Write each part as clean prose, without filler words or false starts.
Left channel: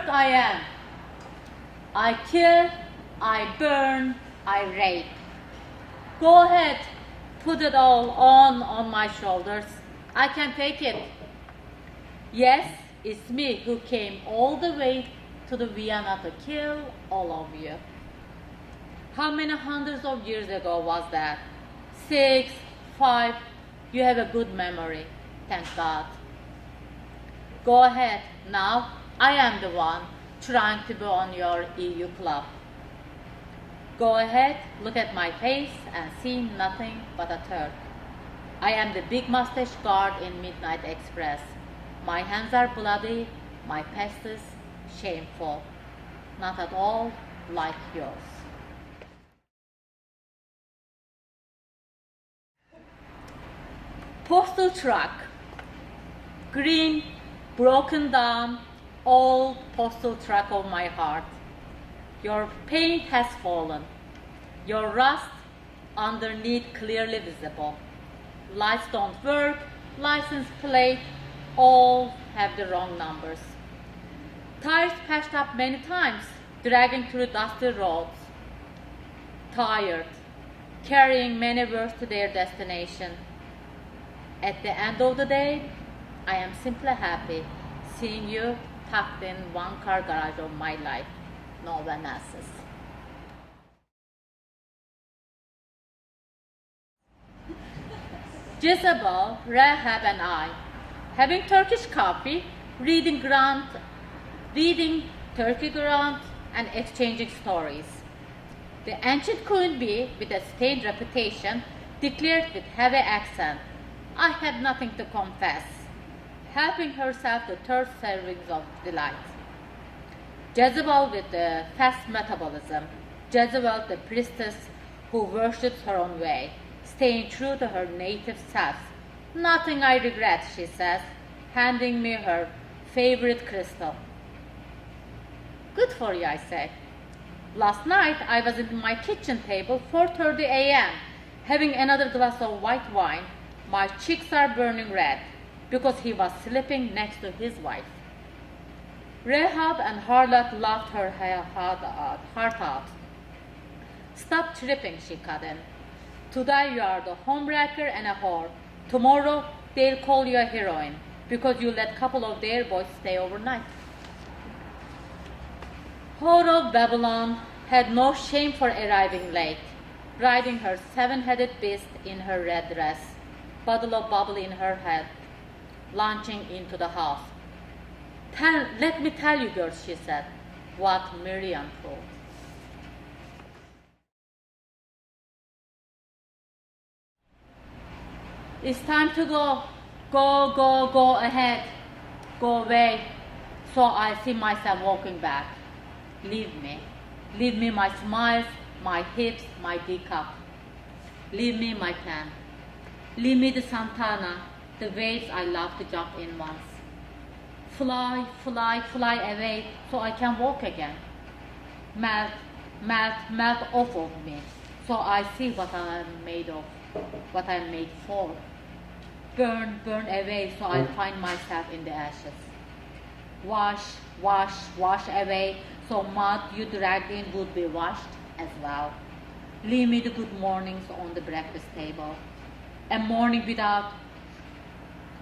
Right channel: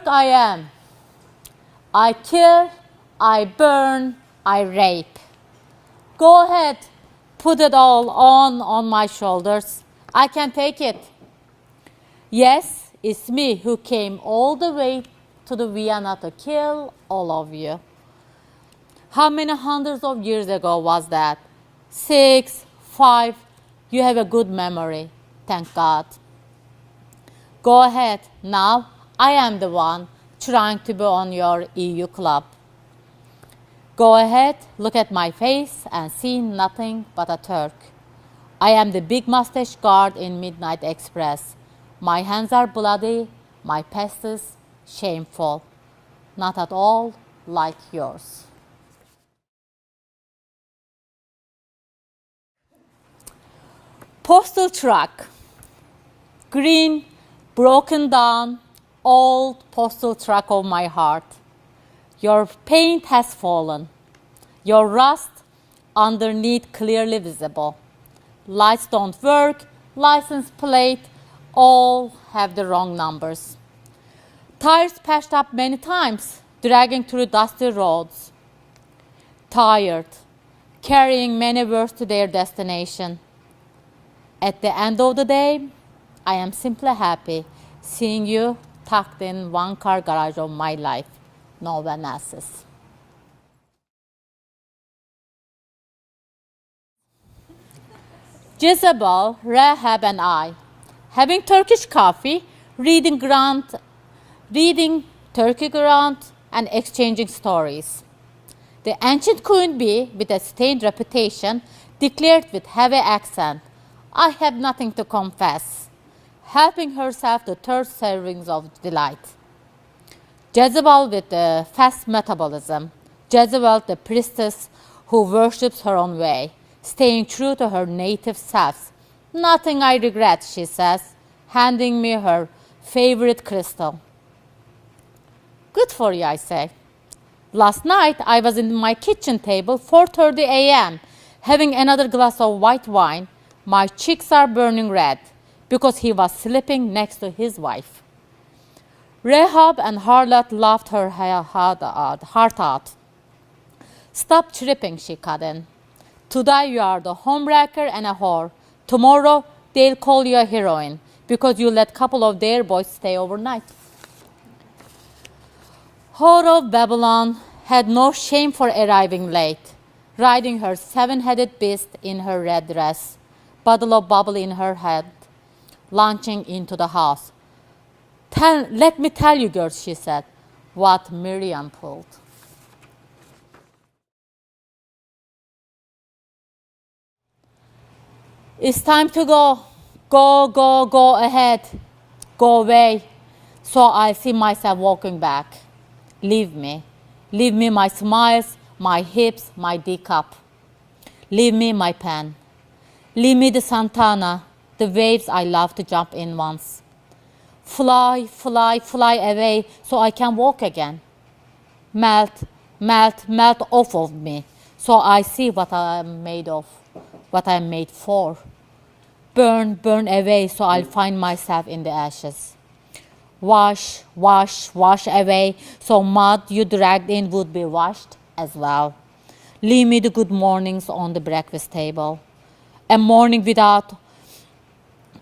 work I am. I kill, I burn, I rape. Go ahead, put it all on my shoulders. I can take it. Yes, it's me who came all the way to the Vienna to kill all of you. How many hundreds of years ago was that? 6, 5. You have a good memory, thank God. Go ahead, now I am the one trying to be on your EU club. Go ahead, look at my face and see nothing but a Turk. I am the big mustache guard in Midnight Express. My hands are bloody, my past is shameful. Not at all like yours. Postal truck. Green, broken down, old postal truck of my heart. Your paint has fallen. Your rust underneath clearly visible. Lights don't work, license plate, all have the wrong numbers. Tires patched up many times, dragging through dusty roads. Tired, carrying many words to their destination. At the end of the day, I am simply happy seeing you tucked in one car garage of my life, no one else's. Jezebel, Rahab and I, having Turkish coffee, reading Turkey Grant and exchanging stories. The ancient queen bee, with a stained reputation, declared with heavy accent, I have nothing to confess, helping herself to third servings of delight. Jezebel with a fast metabolism, Jezebel the priestess who worships her own way, staying true to her native self. Nothing I regret, she says, handing me her favorite crystal. Good for you, I say. Last night I was in my kitchen table, 4:30 a.m., having another glass of white wine. My cheeks are burning red because he was sleeping next to his wife. Rahab and harlot laughed her heart out. Stop tripping, she cut in. Today you are the homewrecker and a whore. Tomorrow they'll call you a heroine because you let a couple of their boys stay overnight. Whore of Babylon had no shame for arriving late, riding her seven-headed beast in her red dress, bottle of bubble in her head, launching into the house. Let me tell you, girls, she said, what Miriam pulled. It's time to go. Go ahead. Go away. So I see myself walking back. Leave me. Leave me my smiles, my hips, my D-cup. Leave me my pen. Leave me the Santana, the waves I love to jump in once. Fly away so I can walk again. Melt off of me so I see what I am made of, what I am made for. Burn away so I'll find myself in the ashes. Wash away so mud you dragged in would be washed as well. Leave me the good mornings on the breakfast table. A morning without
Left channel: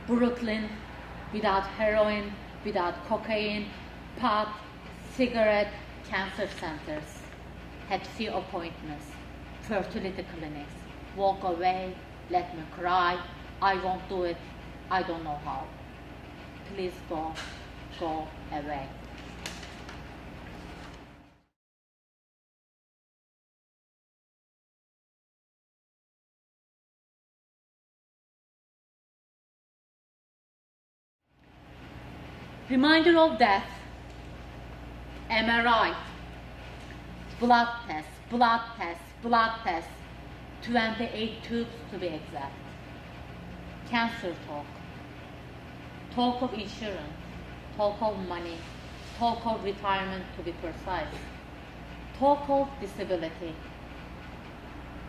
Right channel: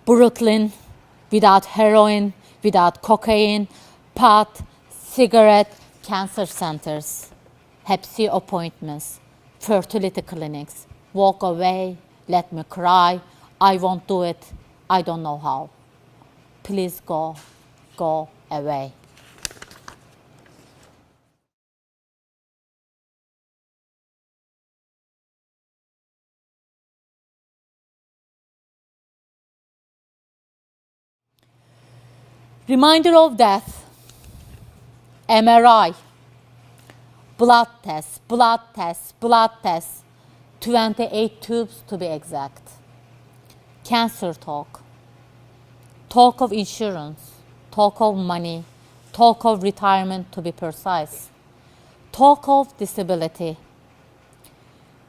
Brooklyn, without heroin, without cocaine, pot, cigarette, cancer centers, Hep C appointments, fertility clinics. Walk away, let me cry. I won't do it. I don't know how. Please go away. Reminder of death. MRI. Blood test. 28 tubes to be exact. Cancer talk. Talk of insurance. Talk of money. Talk of retirement to be precise. Talk of disability.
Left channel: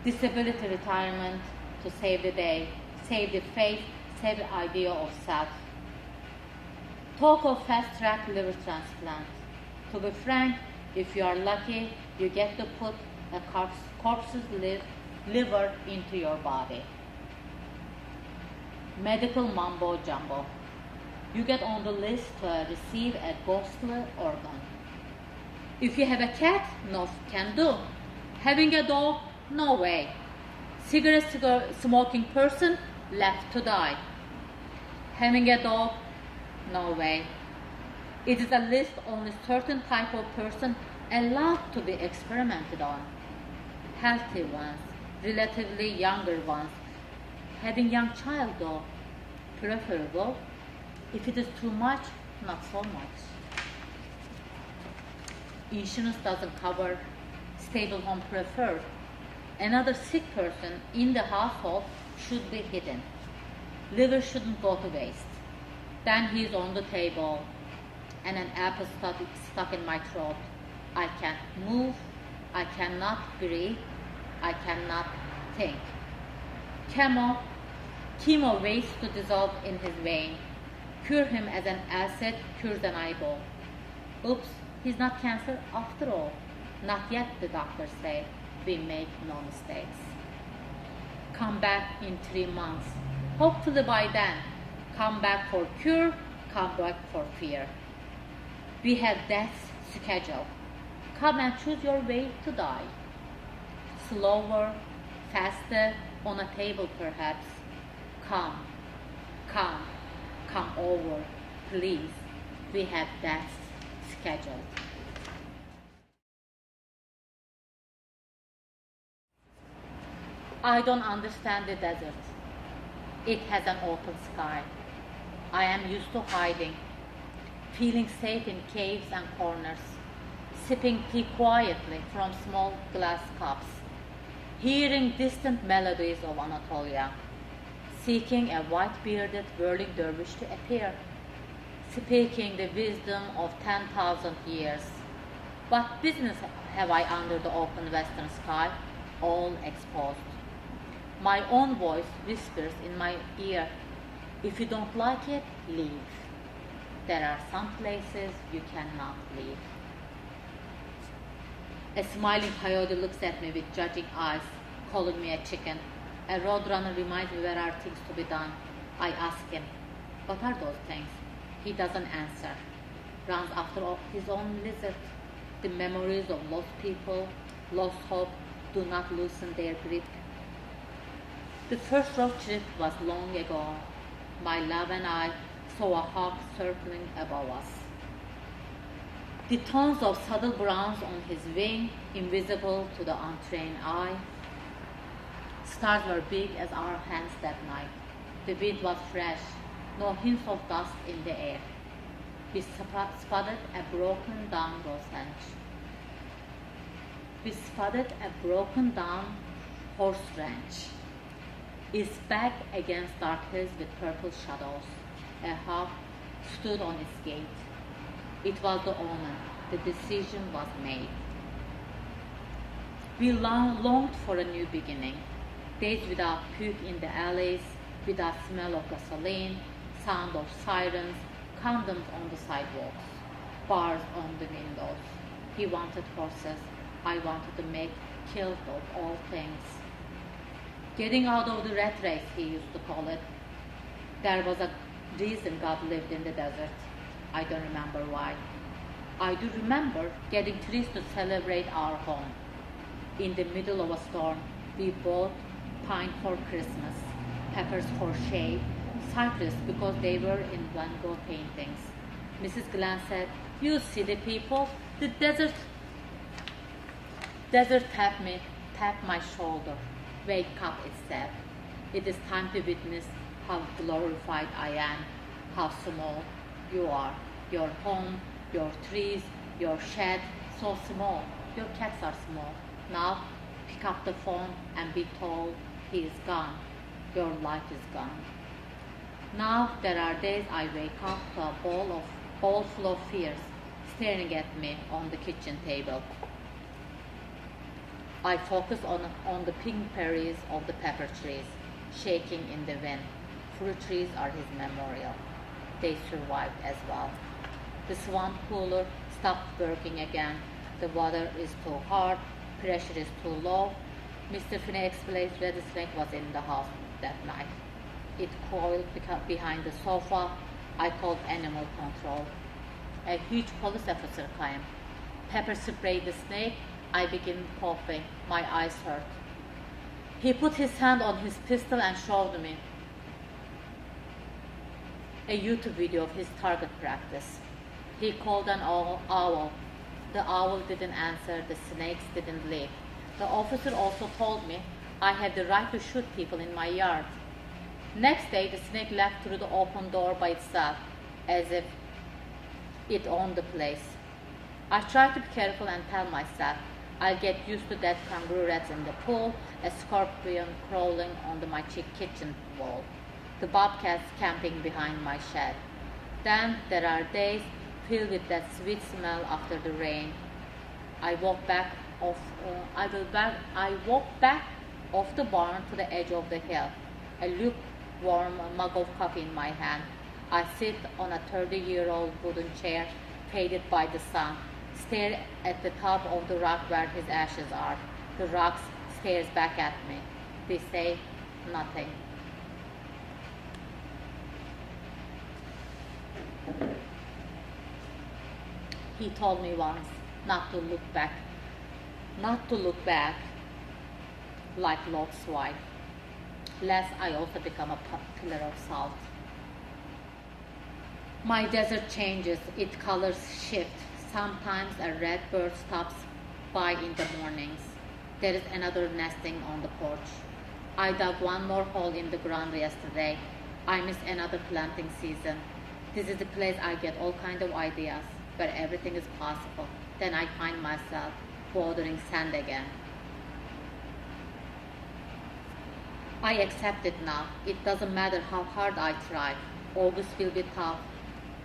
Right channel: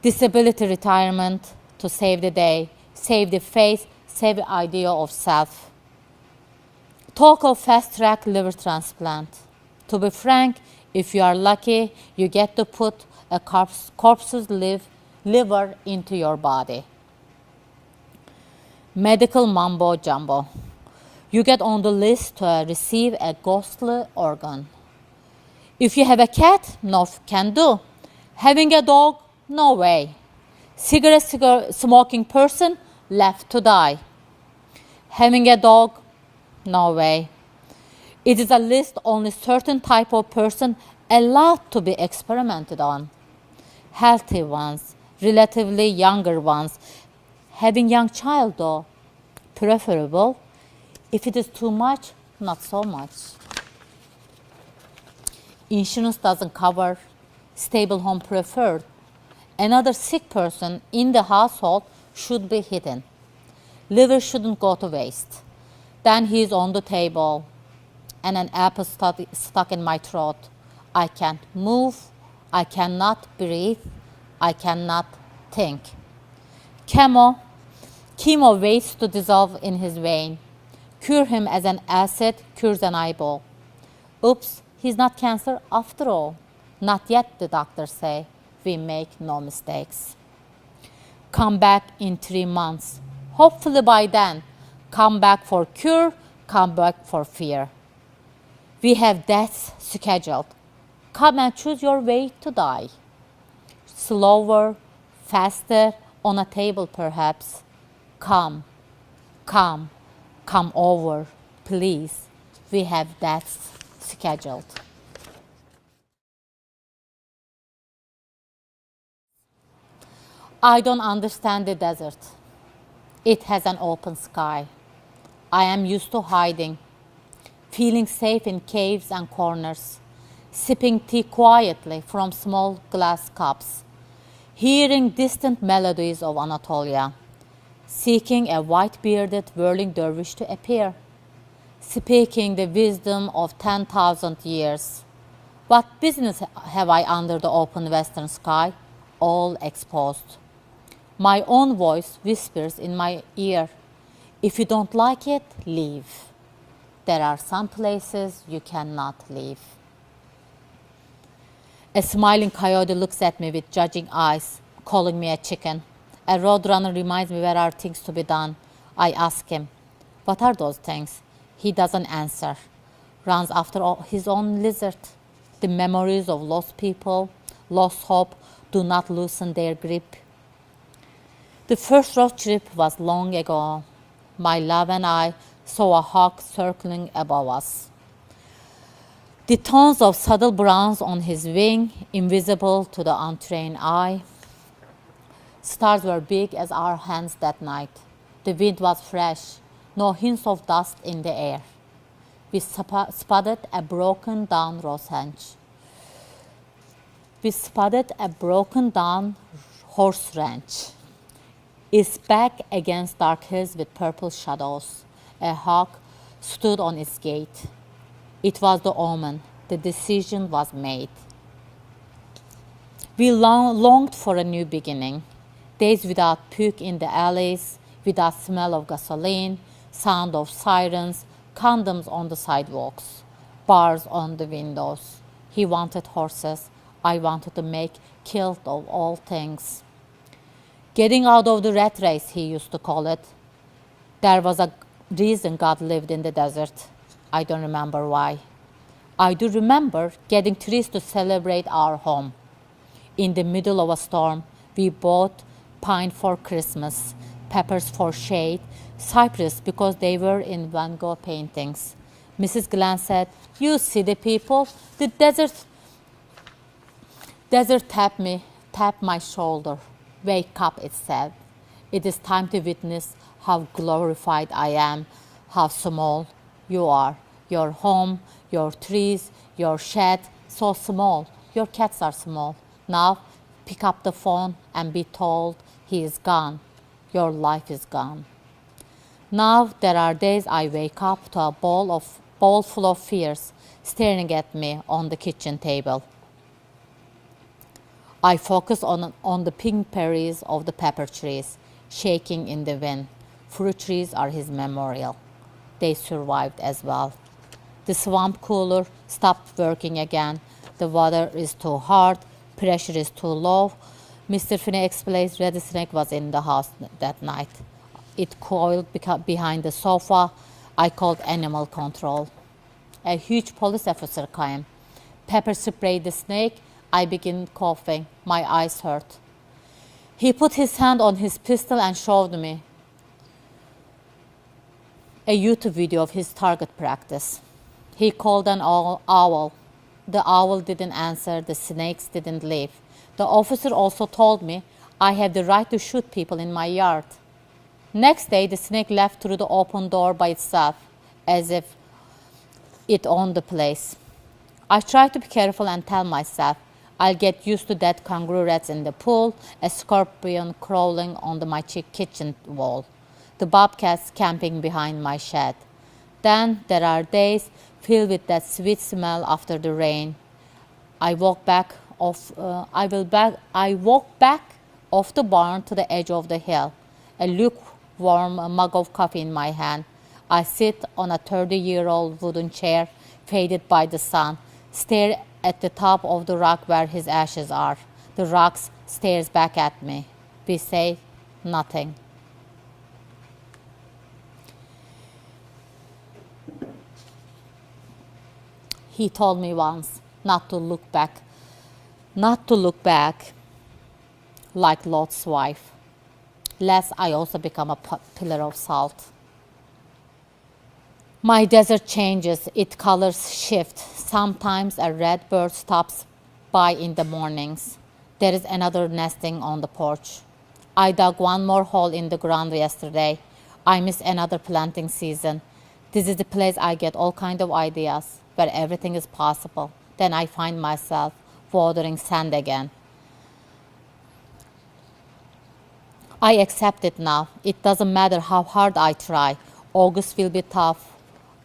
Disability retirement to save the day, save the face, save the idea of self. Talk of fast-track liver transplant. To be frank, if you are lucky, you get to put a corpse's liver into your body. Medical mumbo jumbo. You get on the list to receive a ghostly organ. If you have a cat, no can do. Having a dog, no way. Cigarette smoking person, left to die. Having a dog, no way. It is a list only certain type of person allowed to be experimented on. Healthy ones, relatively younger ones. Having young child though, preferable. If it is too much, not so much. Insurance doesn't cover. Stable home preferred. Another sick person in the household should be hidden. Liver shouldn't go to waste. Then he is on the table and an apple stuck in my throat. I can't move. I cannot breathe. I cannot think. Chemo waits to dissolve in his vein. Cure him as an acid cures an eyeball. Oops, he's not cancer after all. Not yet, the doctors say. We make no mistakes. Come back in 3 months. Hopefully by then. Come back for cure, come back for fear. We have deaths scheduled. Come and choose your way to die. Slower, faster, on a table perhaps. Come over, please. We have deaths scheduled. I don't understand the desert. It has an open sky. I am used to hiding, feeling safe in caves and corners, sipping tea quietly from small glass cups, hearing distant melodies of Anatolia, seeking a white-bearded whirling dervish to appear, speaking the wisdom of 10,000 years. What business have I under the open western sky, all exposed? My own voice whispers in my ear, if you don't like it, leave. There are some places you cannot leave. A smiling coyote looks at me with judging eyes, calling me a chicken. A roadrunner reminds me where are things to be done. I ask him, what are those things? He doesn't answer. Runs after his own lizard. The memories of lost people, lost hope, do not loosen their grip. The first road trip was long ago. My love and I saw a hawk circling above us. The tones of subtle browns on his wing, invisible to the untrained eye. Stars were big as our hands that night. The wind was fresh, no hints of dust in the air. We spotted a broken down horse ranch. Its back against dark hills with purple shadows. A hawk stood on its gate. It was the omen. The decision was made. We longed for a new beginning. Days without puke in the alleys, without smell of gasoline, sound of sirens, condoms on the sidewalks, bars on the windows. He wanted horses. I wanted to make kilt of all things. Getting out of the rat race, he used to call it. There was a reason God lived in the desert. I don't remember why. I do remember getting trees to celebrate our home. In the middle of a storm, we bought pine for Christmas, peppers for shade, cypress because they were in Van Gogh paintings. Mrs. Glenn said, you city people, the desert tapped my shoulder. Wake up, it said. It is time to witness how glorified I am, how small you are. Your home, your trees, your shed, so small. Your cats are small. Now, pick up the phone and be told he is gone. Your life is gone. Now, there are days I wake up to a bowl full of fears staring at me on the kitchen table. I focus on the pink berries of the pepper trees, shaking in the wind. Fruit trees are his memorial. They survived as well. The swamp cooler stopped working again. The water is too hard, pressure is too low. Mr. Finney explains Red Snake was in the house that night. It coiled behind the sofa. I called animal control. A huge police officer came. Pepper sprayed the snake. I began coughing. My eyes hurt. He put his hand on his pistol and showed me a YouTube video of his target practice. He called an owl. The owl didn't answer. The snakes didn't leave. The officer also told me I had the right to shoot people in my yard. Next day, the snake left through the open door by itself, as if it owned the place. I tried to be careful and tell myself I'll get used to dead kangaroo rats in the pool, a scorpion crawling on my kitchen wall, the bobcats camping behind my shed. Then there are days filled with that sweet smell after the rain. I walk back off the barn to the edge of the hill, a lukewarm mug of coffee in my hand. I sit on a 30-year-old wooden chair, faded by the sun, stare at the top of the rock where his ashes are. The rock stares back at me. We say nothing. He told me once not to look back like Lot's wife, lest I also become a pillar of salt. My desert changes, its colors shift. Sometimes a red bird stops by in the mornings. There is another nesting on the porch. I dug one more hole in the ground yesterday. I miss another planting season. This is the place I get all kinds of ideas, where everything is possible. Then I find myself watering sand again. I accept it now. It doesn't matter how hard I try. August will be tough.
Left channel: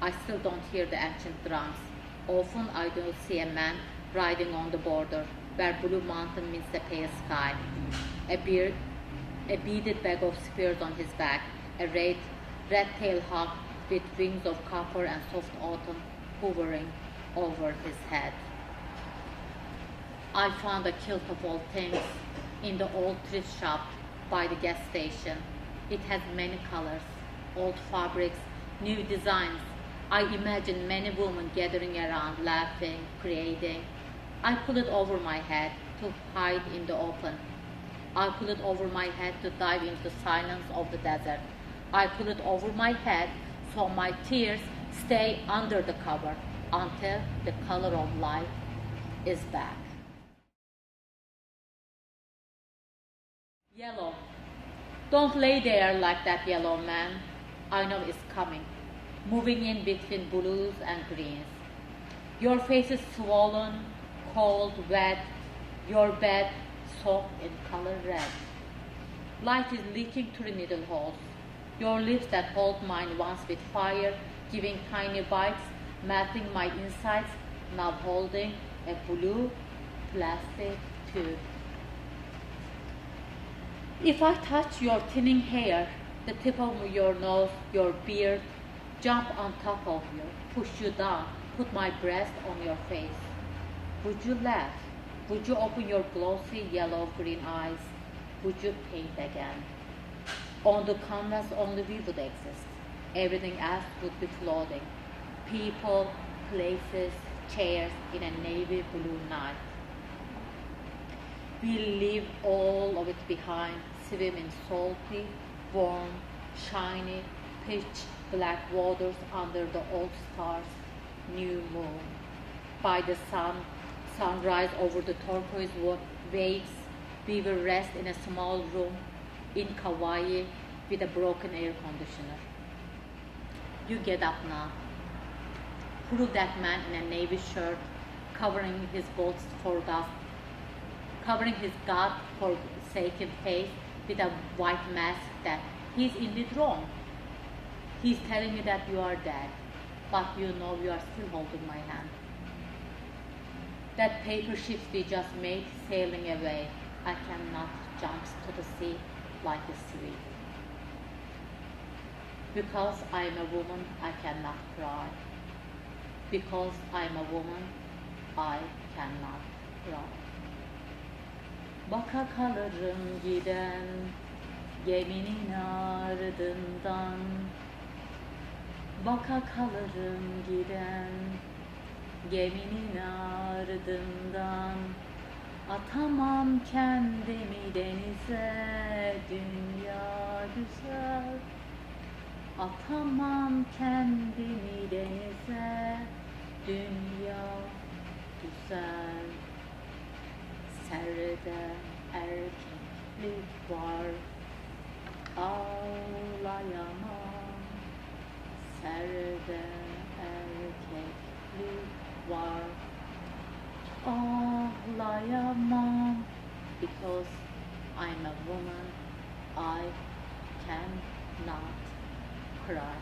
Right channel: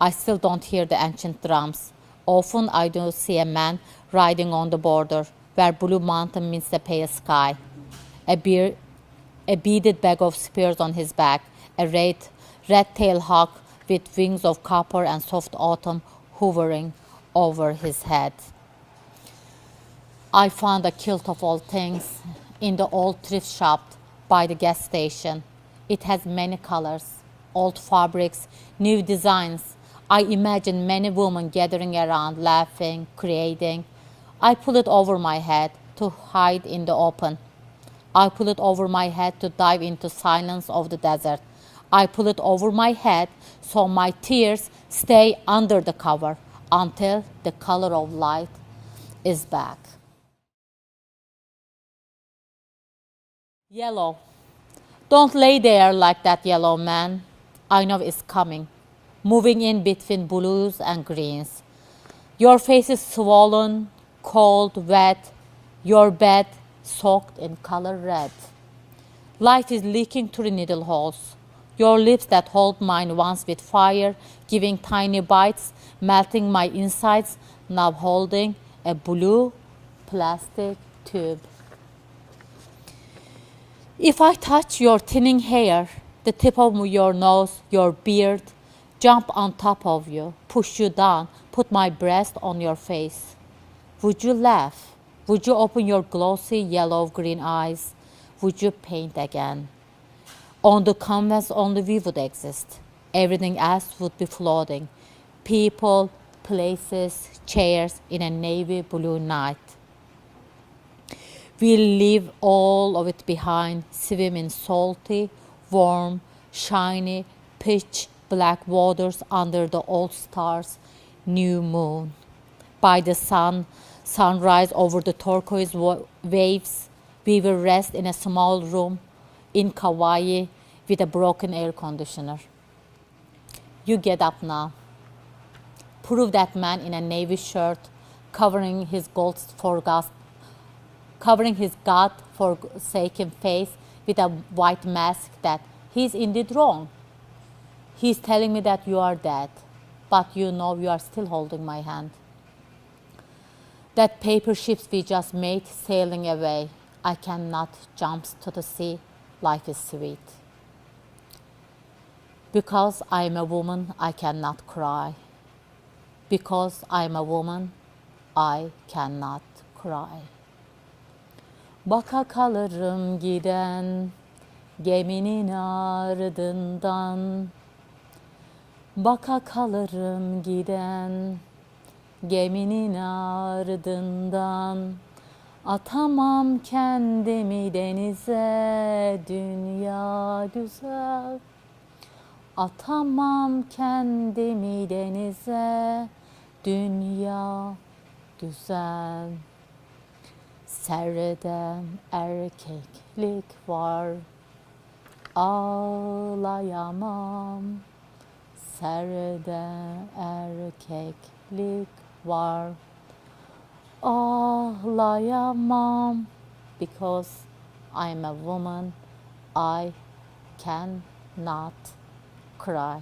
I still don't hear the ancient drums. Often I do see a man riding on the border, where blue mountain meets the pale sky. A beaded bag of spears on his back, a red-tailed hawk with wings of copper and soft autumn hovering over his head. I found a kilt of all things in the old thrift shop by the gas station. It has many colors, old fabrics, new designs. I imagine many women gathering around, laughing, creating. I pull it over my head to hide in the open. I pull it over my head to dive into silence of the desert. I pull it over my head so my tears stay under the cover until the color of light is back. Yellow. Don't lay there like that, yellow man. I know it's coming, moving in between blues and greens. Your face is swollen, cold, wet, your bed soaked in color red. Light is leaking through the needle holes. Your lips that hold mine once with fire, giving tiny bites, melting my insides, now holding a blue plastic tube. If I touch your thinning hair, the tip of your nose, your beard, jump on top of you, push you down, put my breast on your face, would you laugh? Would you open your glossy yellow-green eyes? Would you paint again? On the canvas only we would exist. Everything else would be floating. People, places, chairs in a navy blue night. We'll leave all of it behind, swim in salty, warm, shiny, pitch black waters under the old stars, new moon. By the sunrise over the turquoise waves, we will rest in a small room in Kauai with a broken air conditioner. You get up now. Prove that man in a navy shirt, covering his God-forsaken face with a white mask that he's indeed wrong. He's telling me that you are dead, but you know you are still holding my hand. That paper ships we just made sailing away, I cannot jump to the sea. Life is sweet. Because I am a woman, I cannot cry. Because I'm a woman, I cannot cry. Baka kalırım giden geminin ardından. Baka kalırım giden geminin ardından. Atamam kendimi denize, dünya düzer. Atamam kendimi denize, dünya düzen. Seyreden erkeklik var, ağlayamam. Seyreden erkeklik var, ağlayamam. Because I'm a woman, I cannot cry.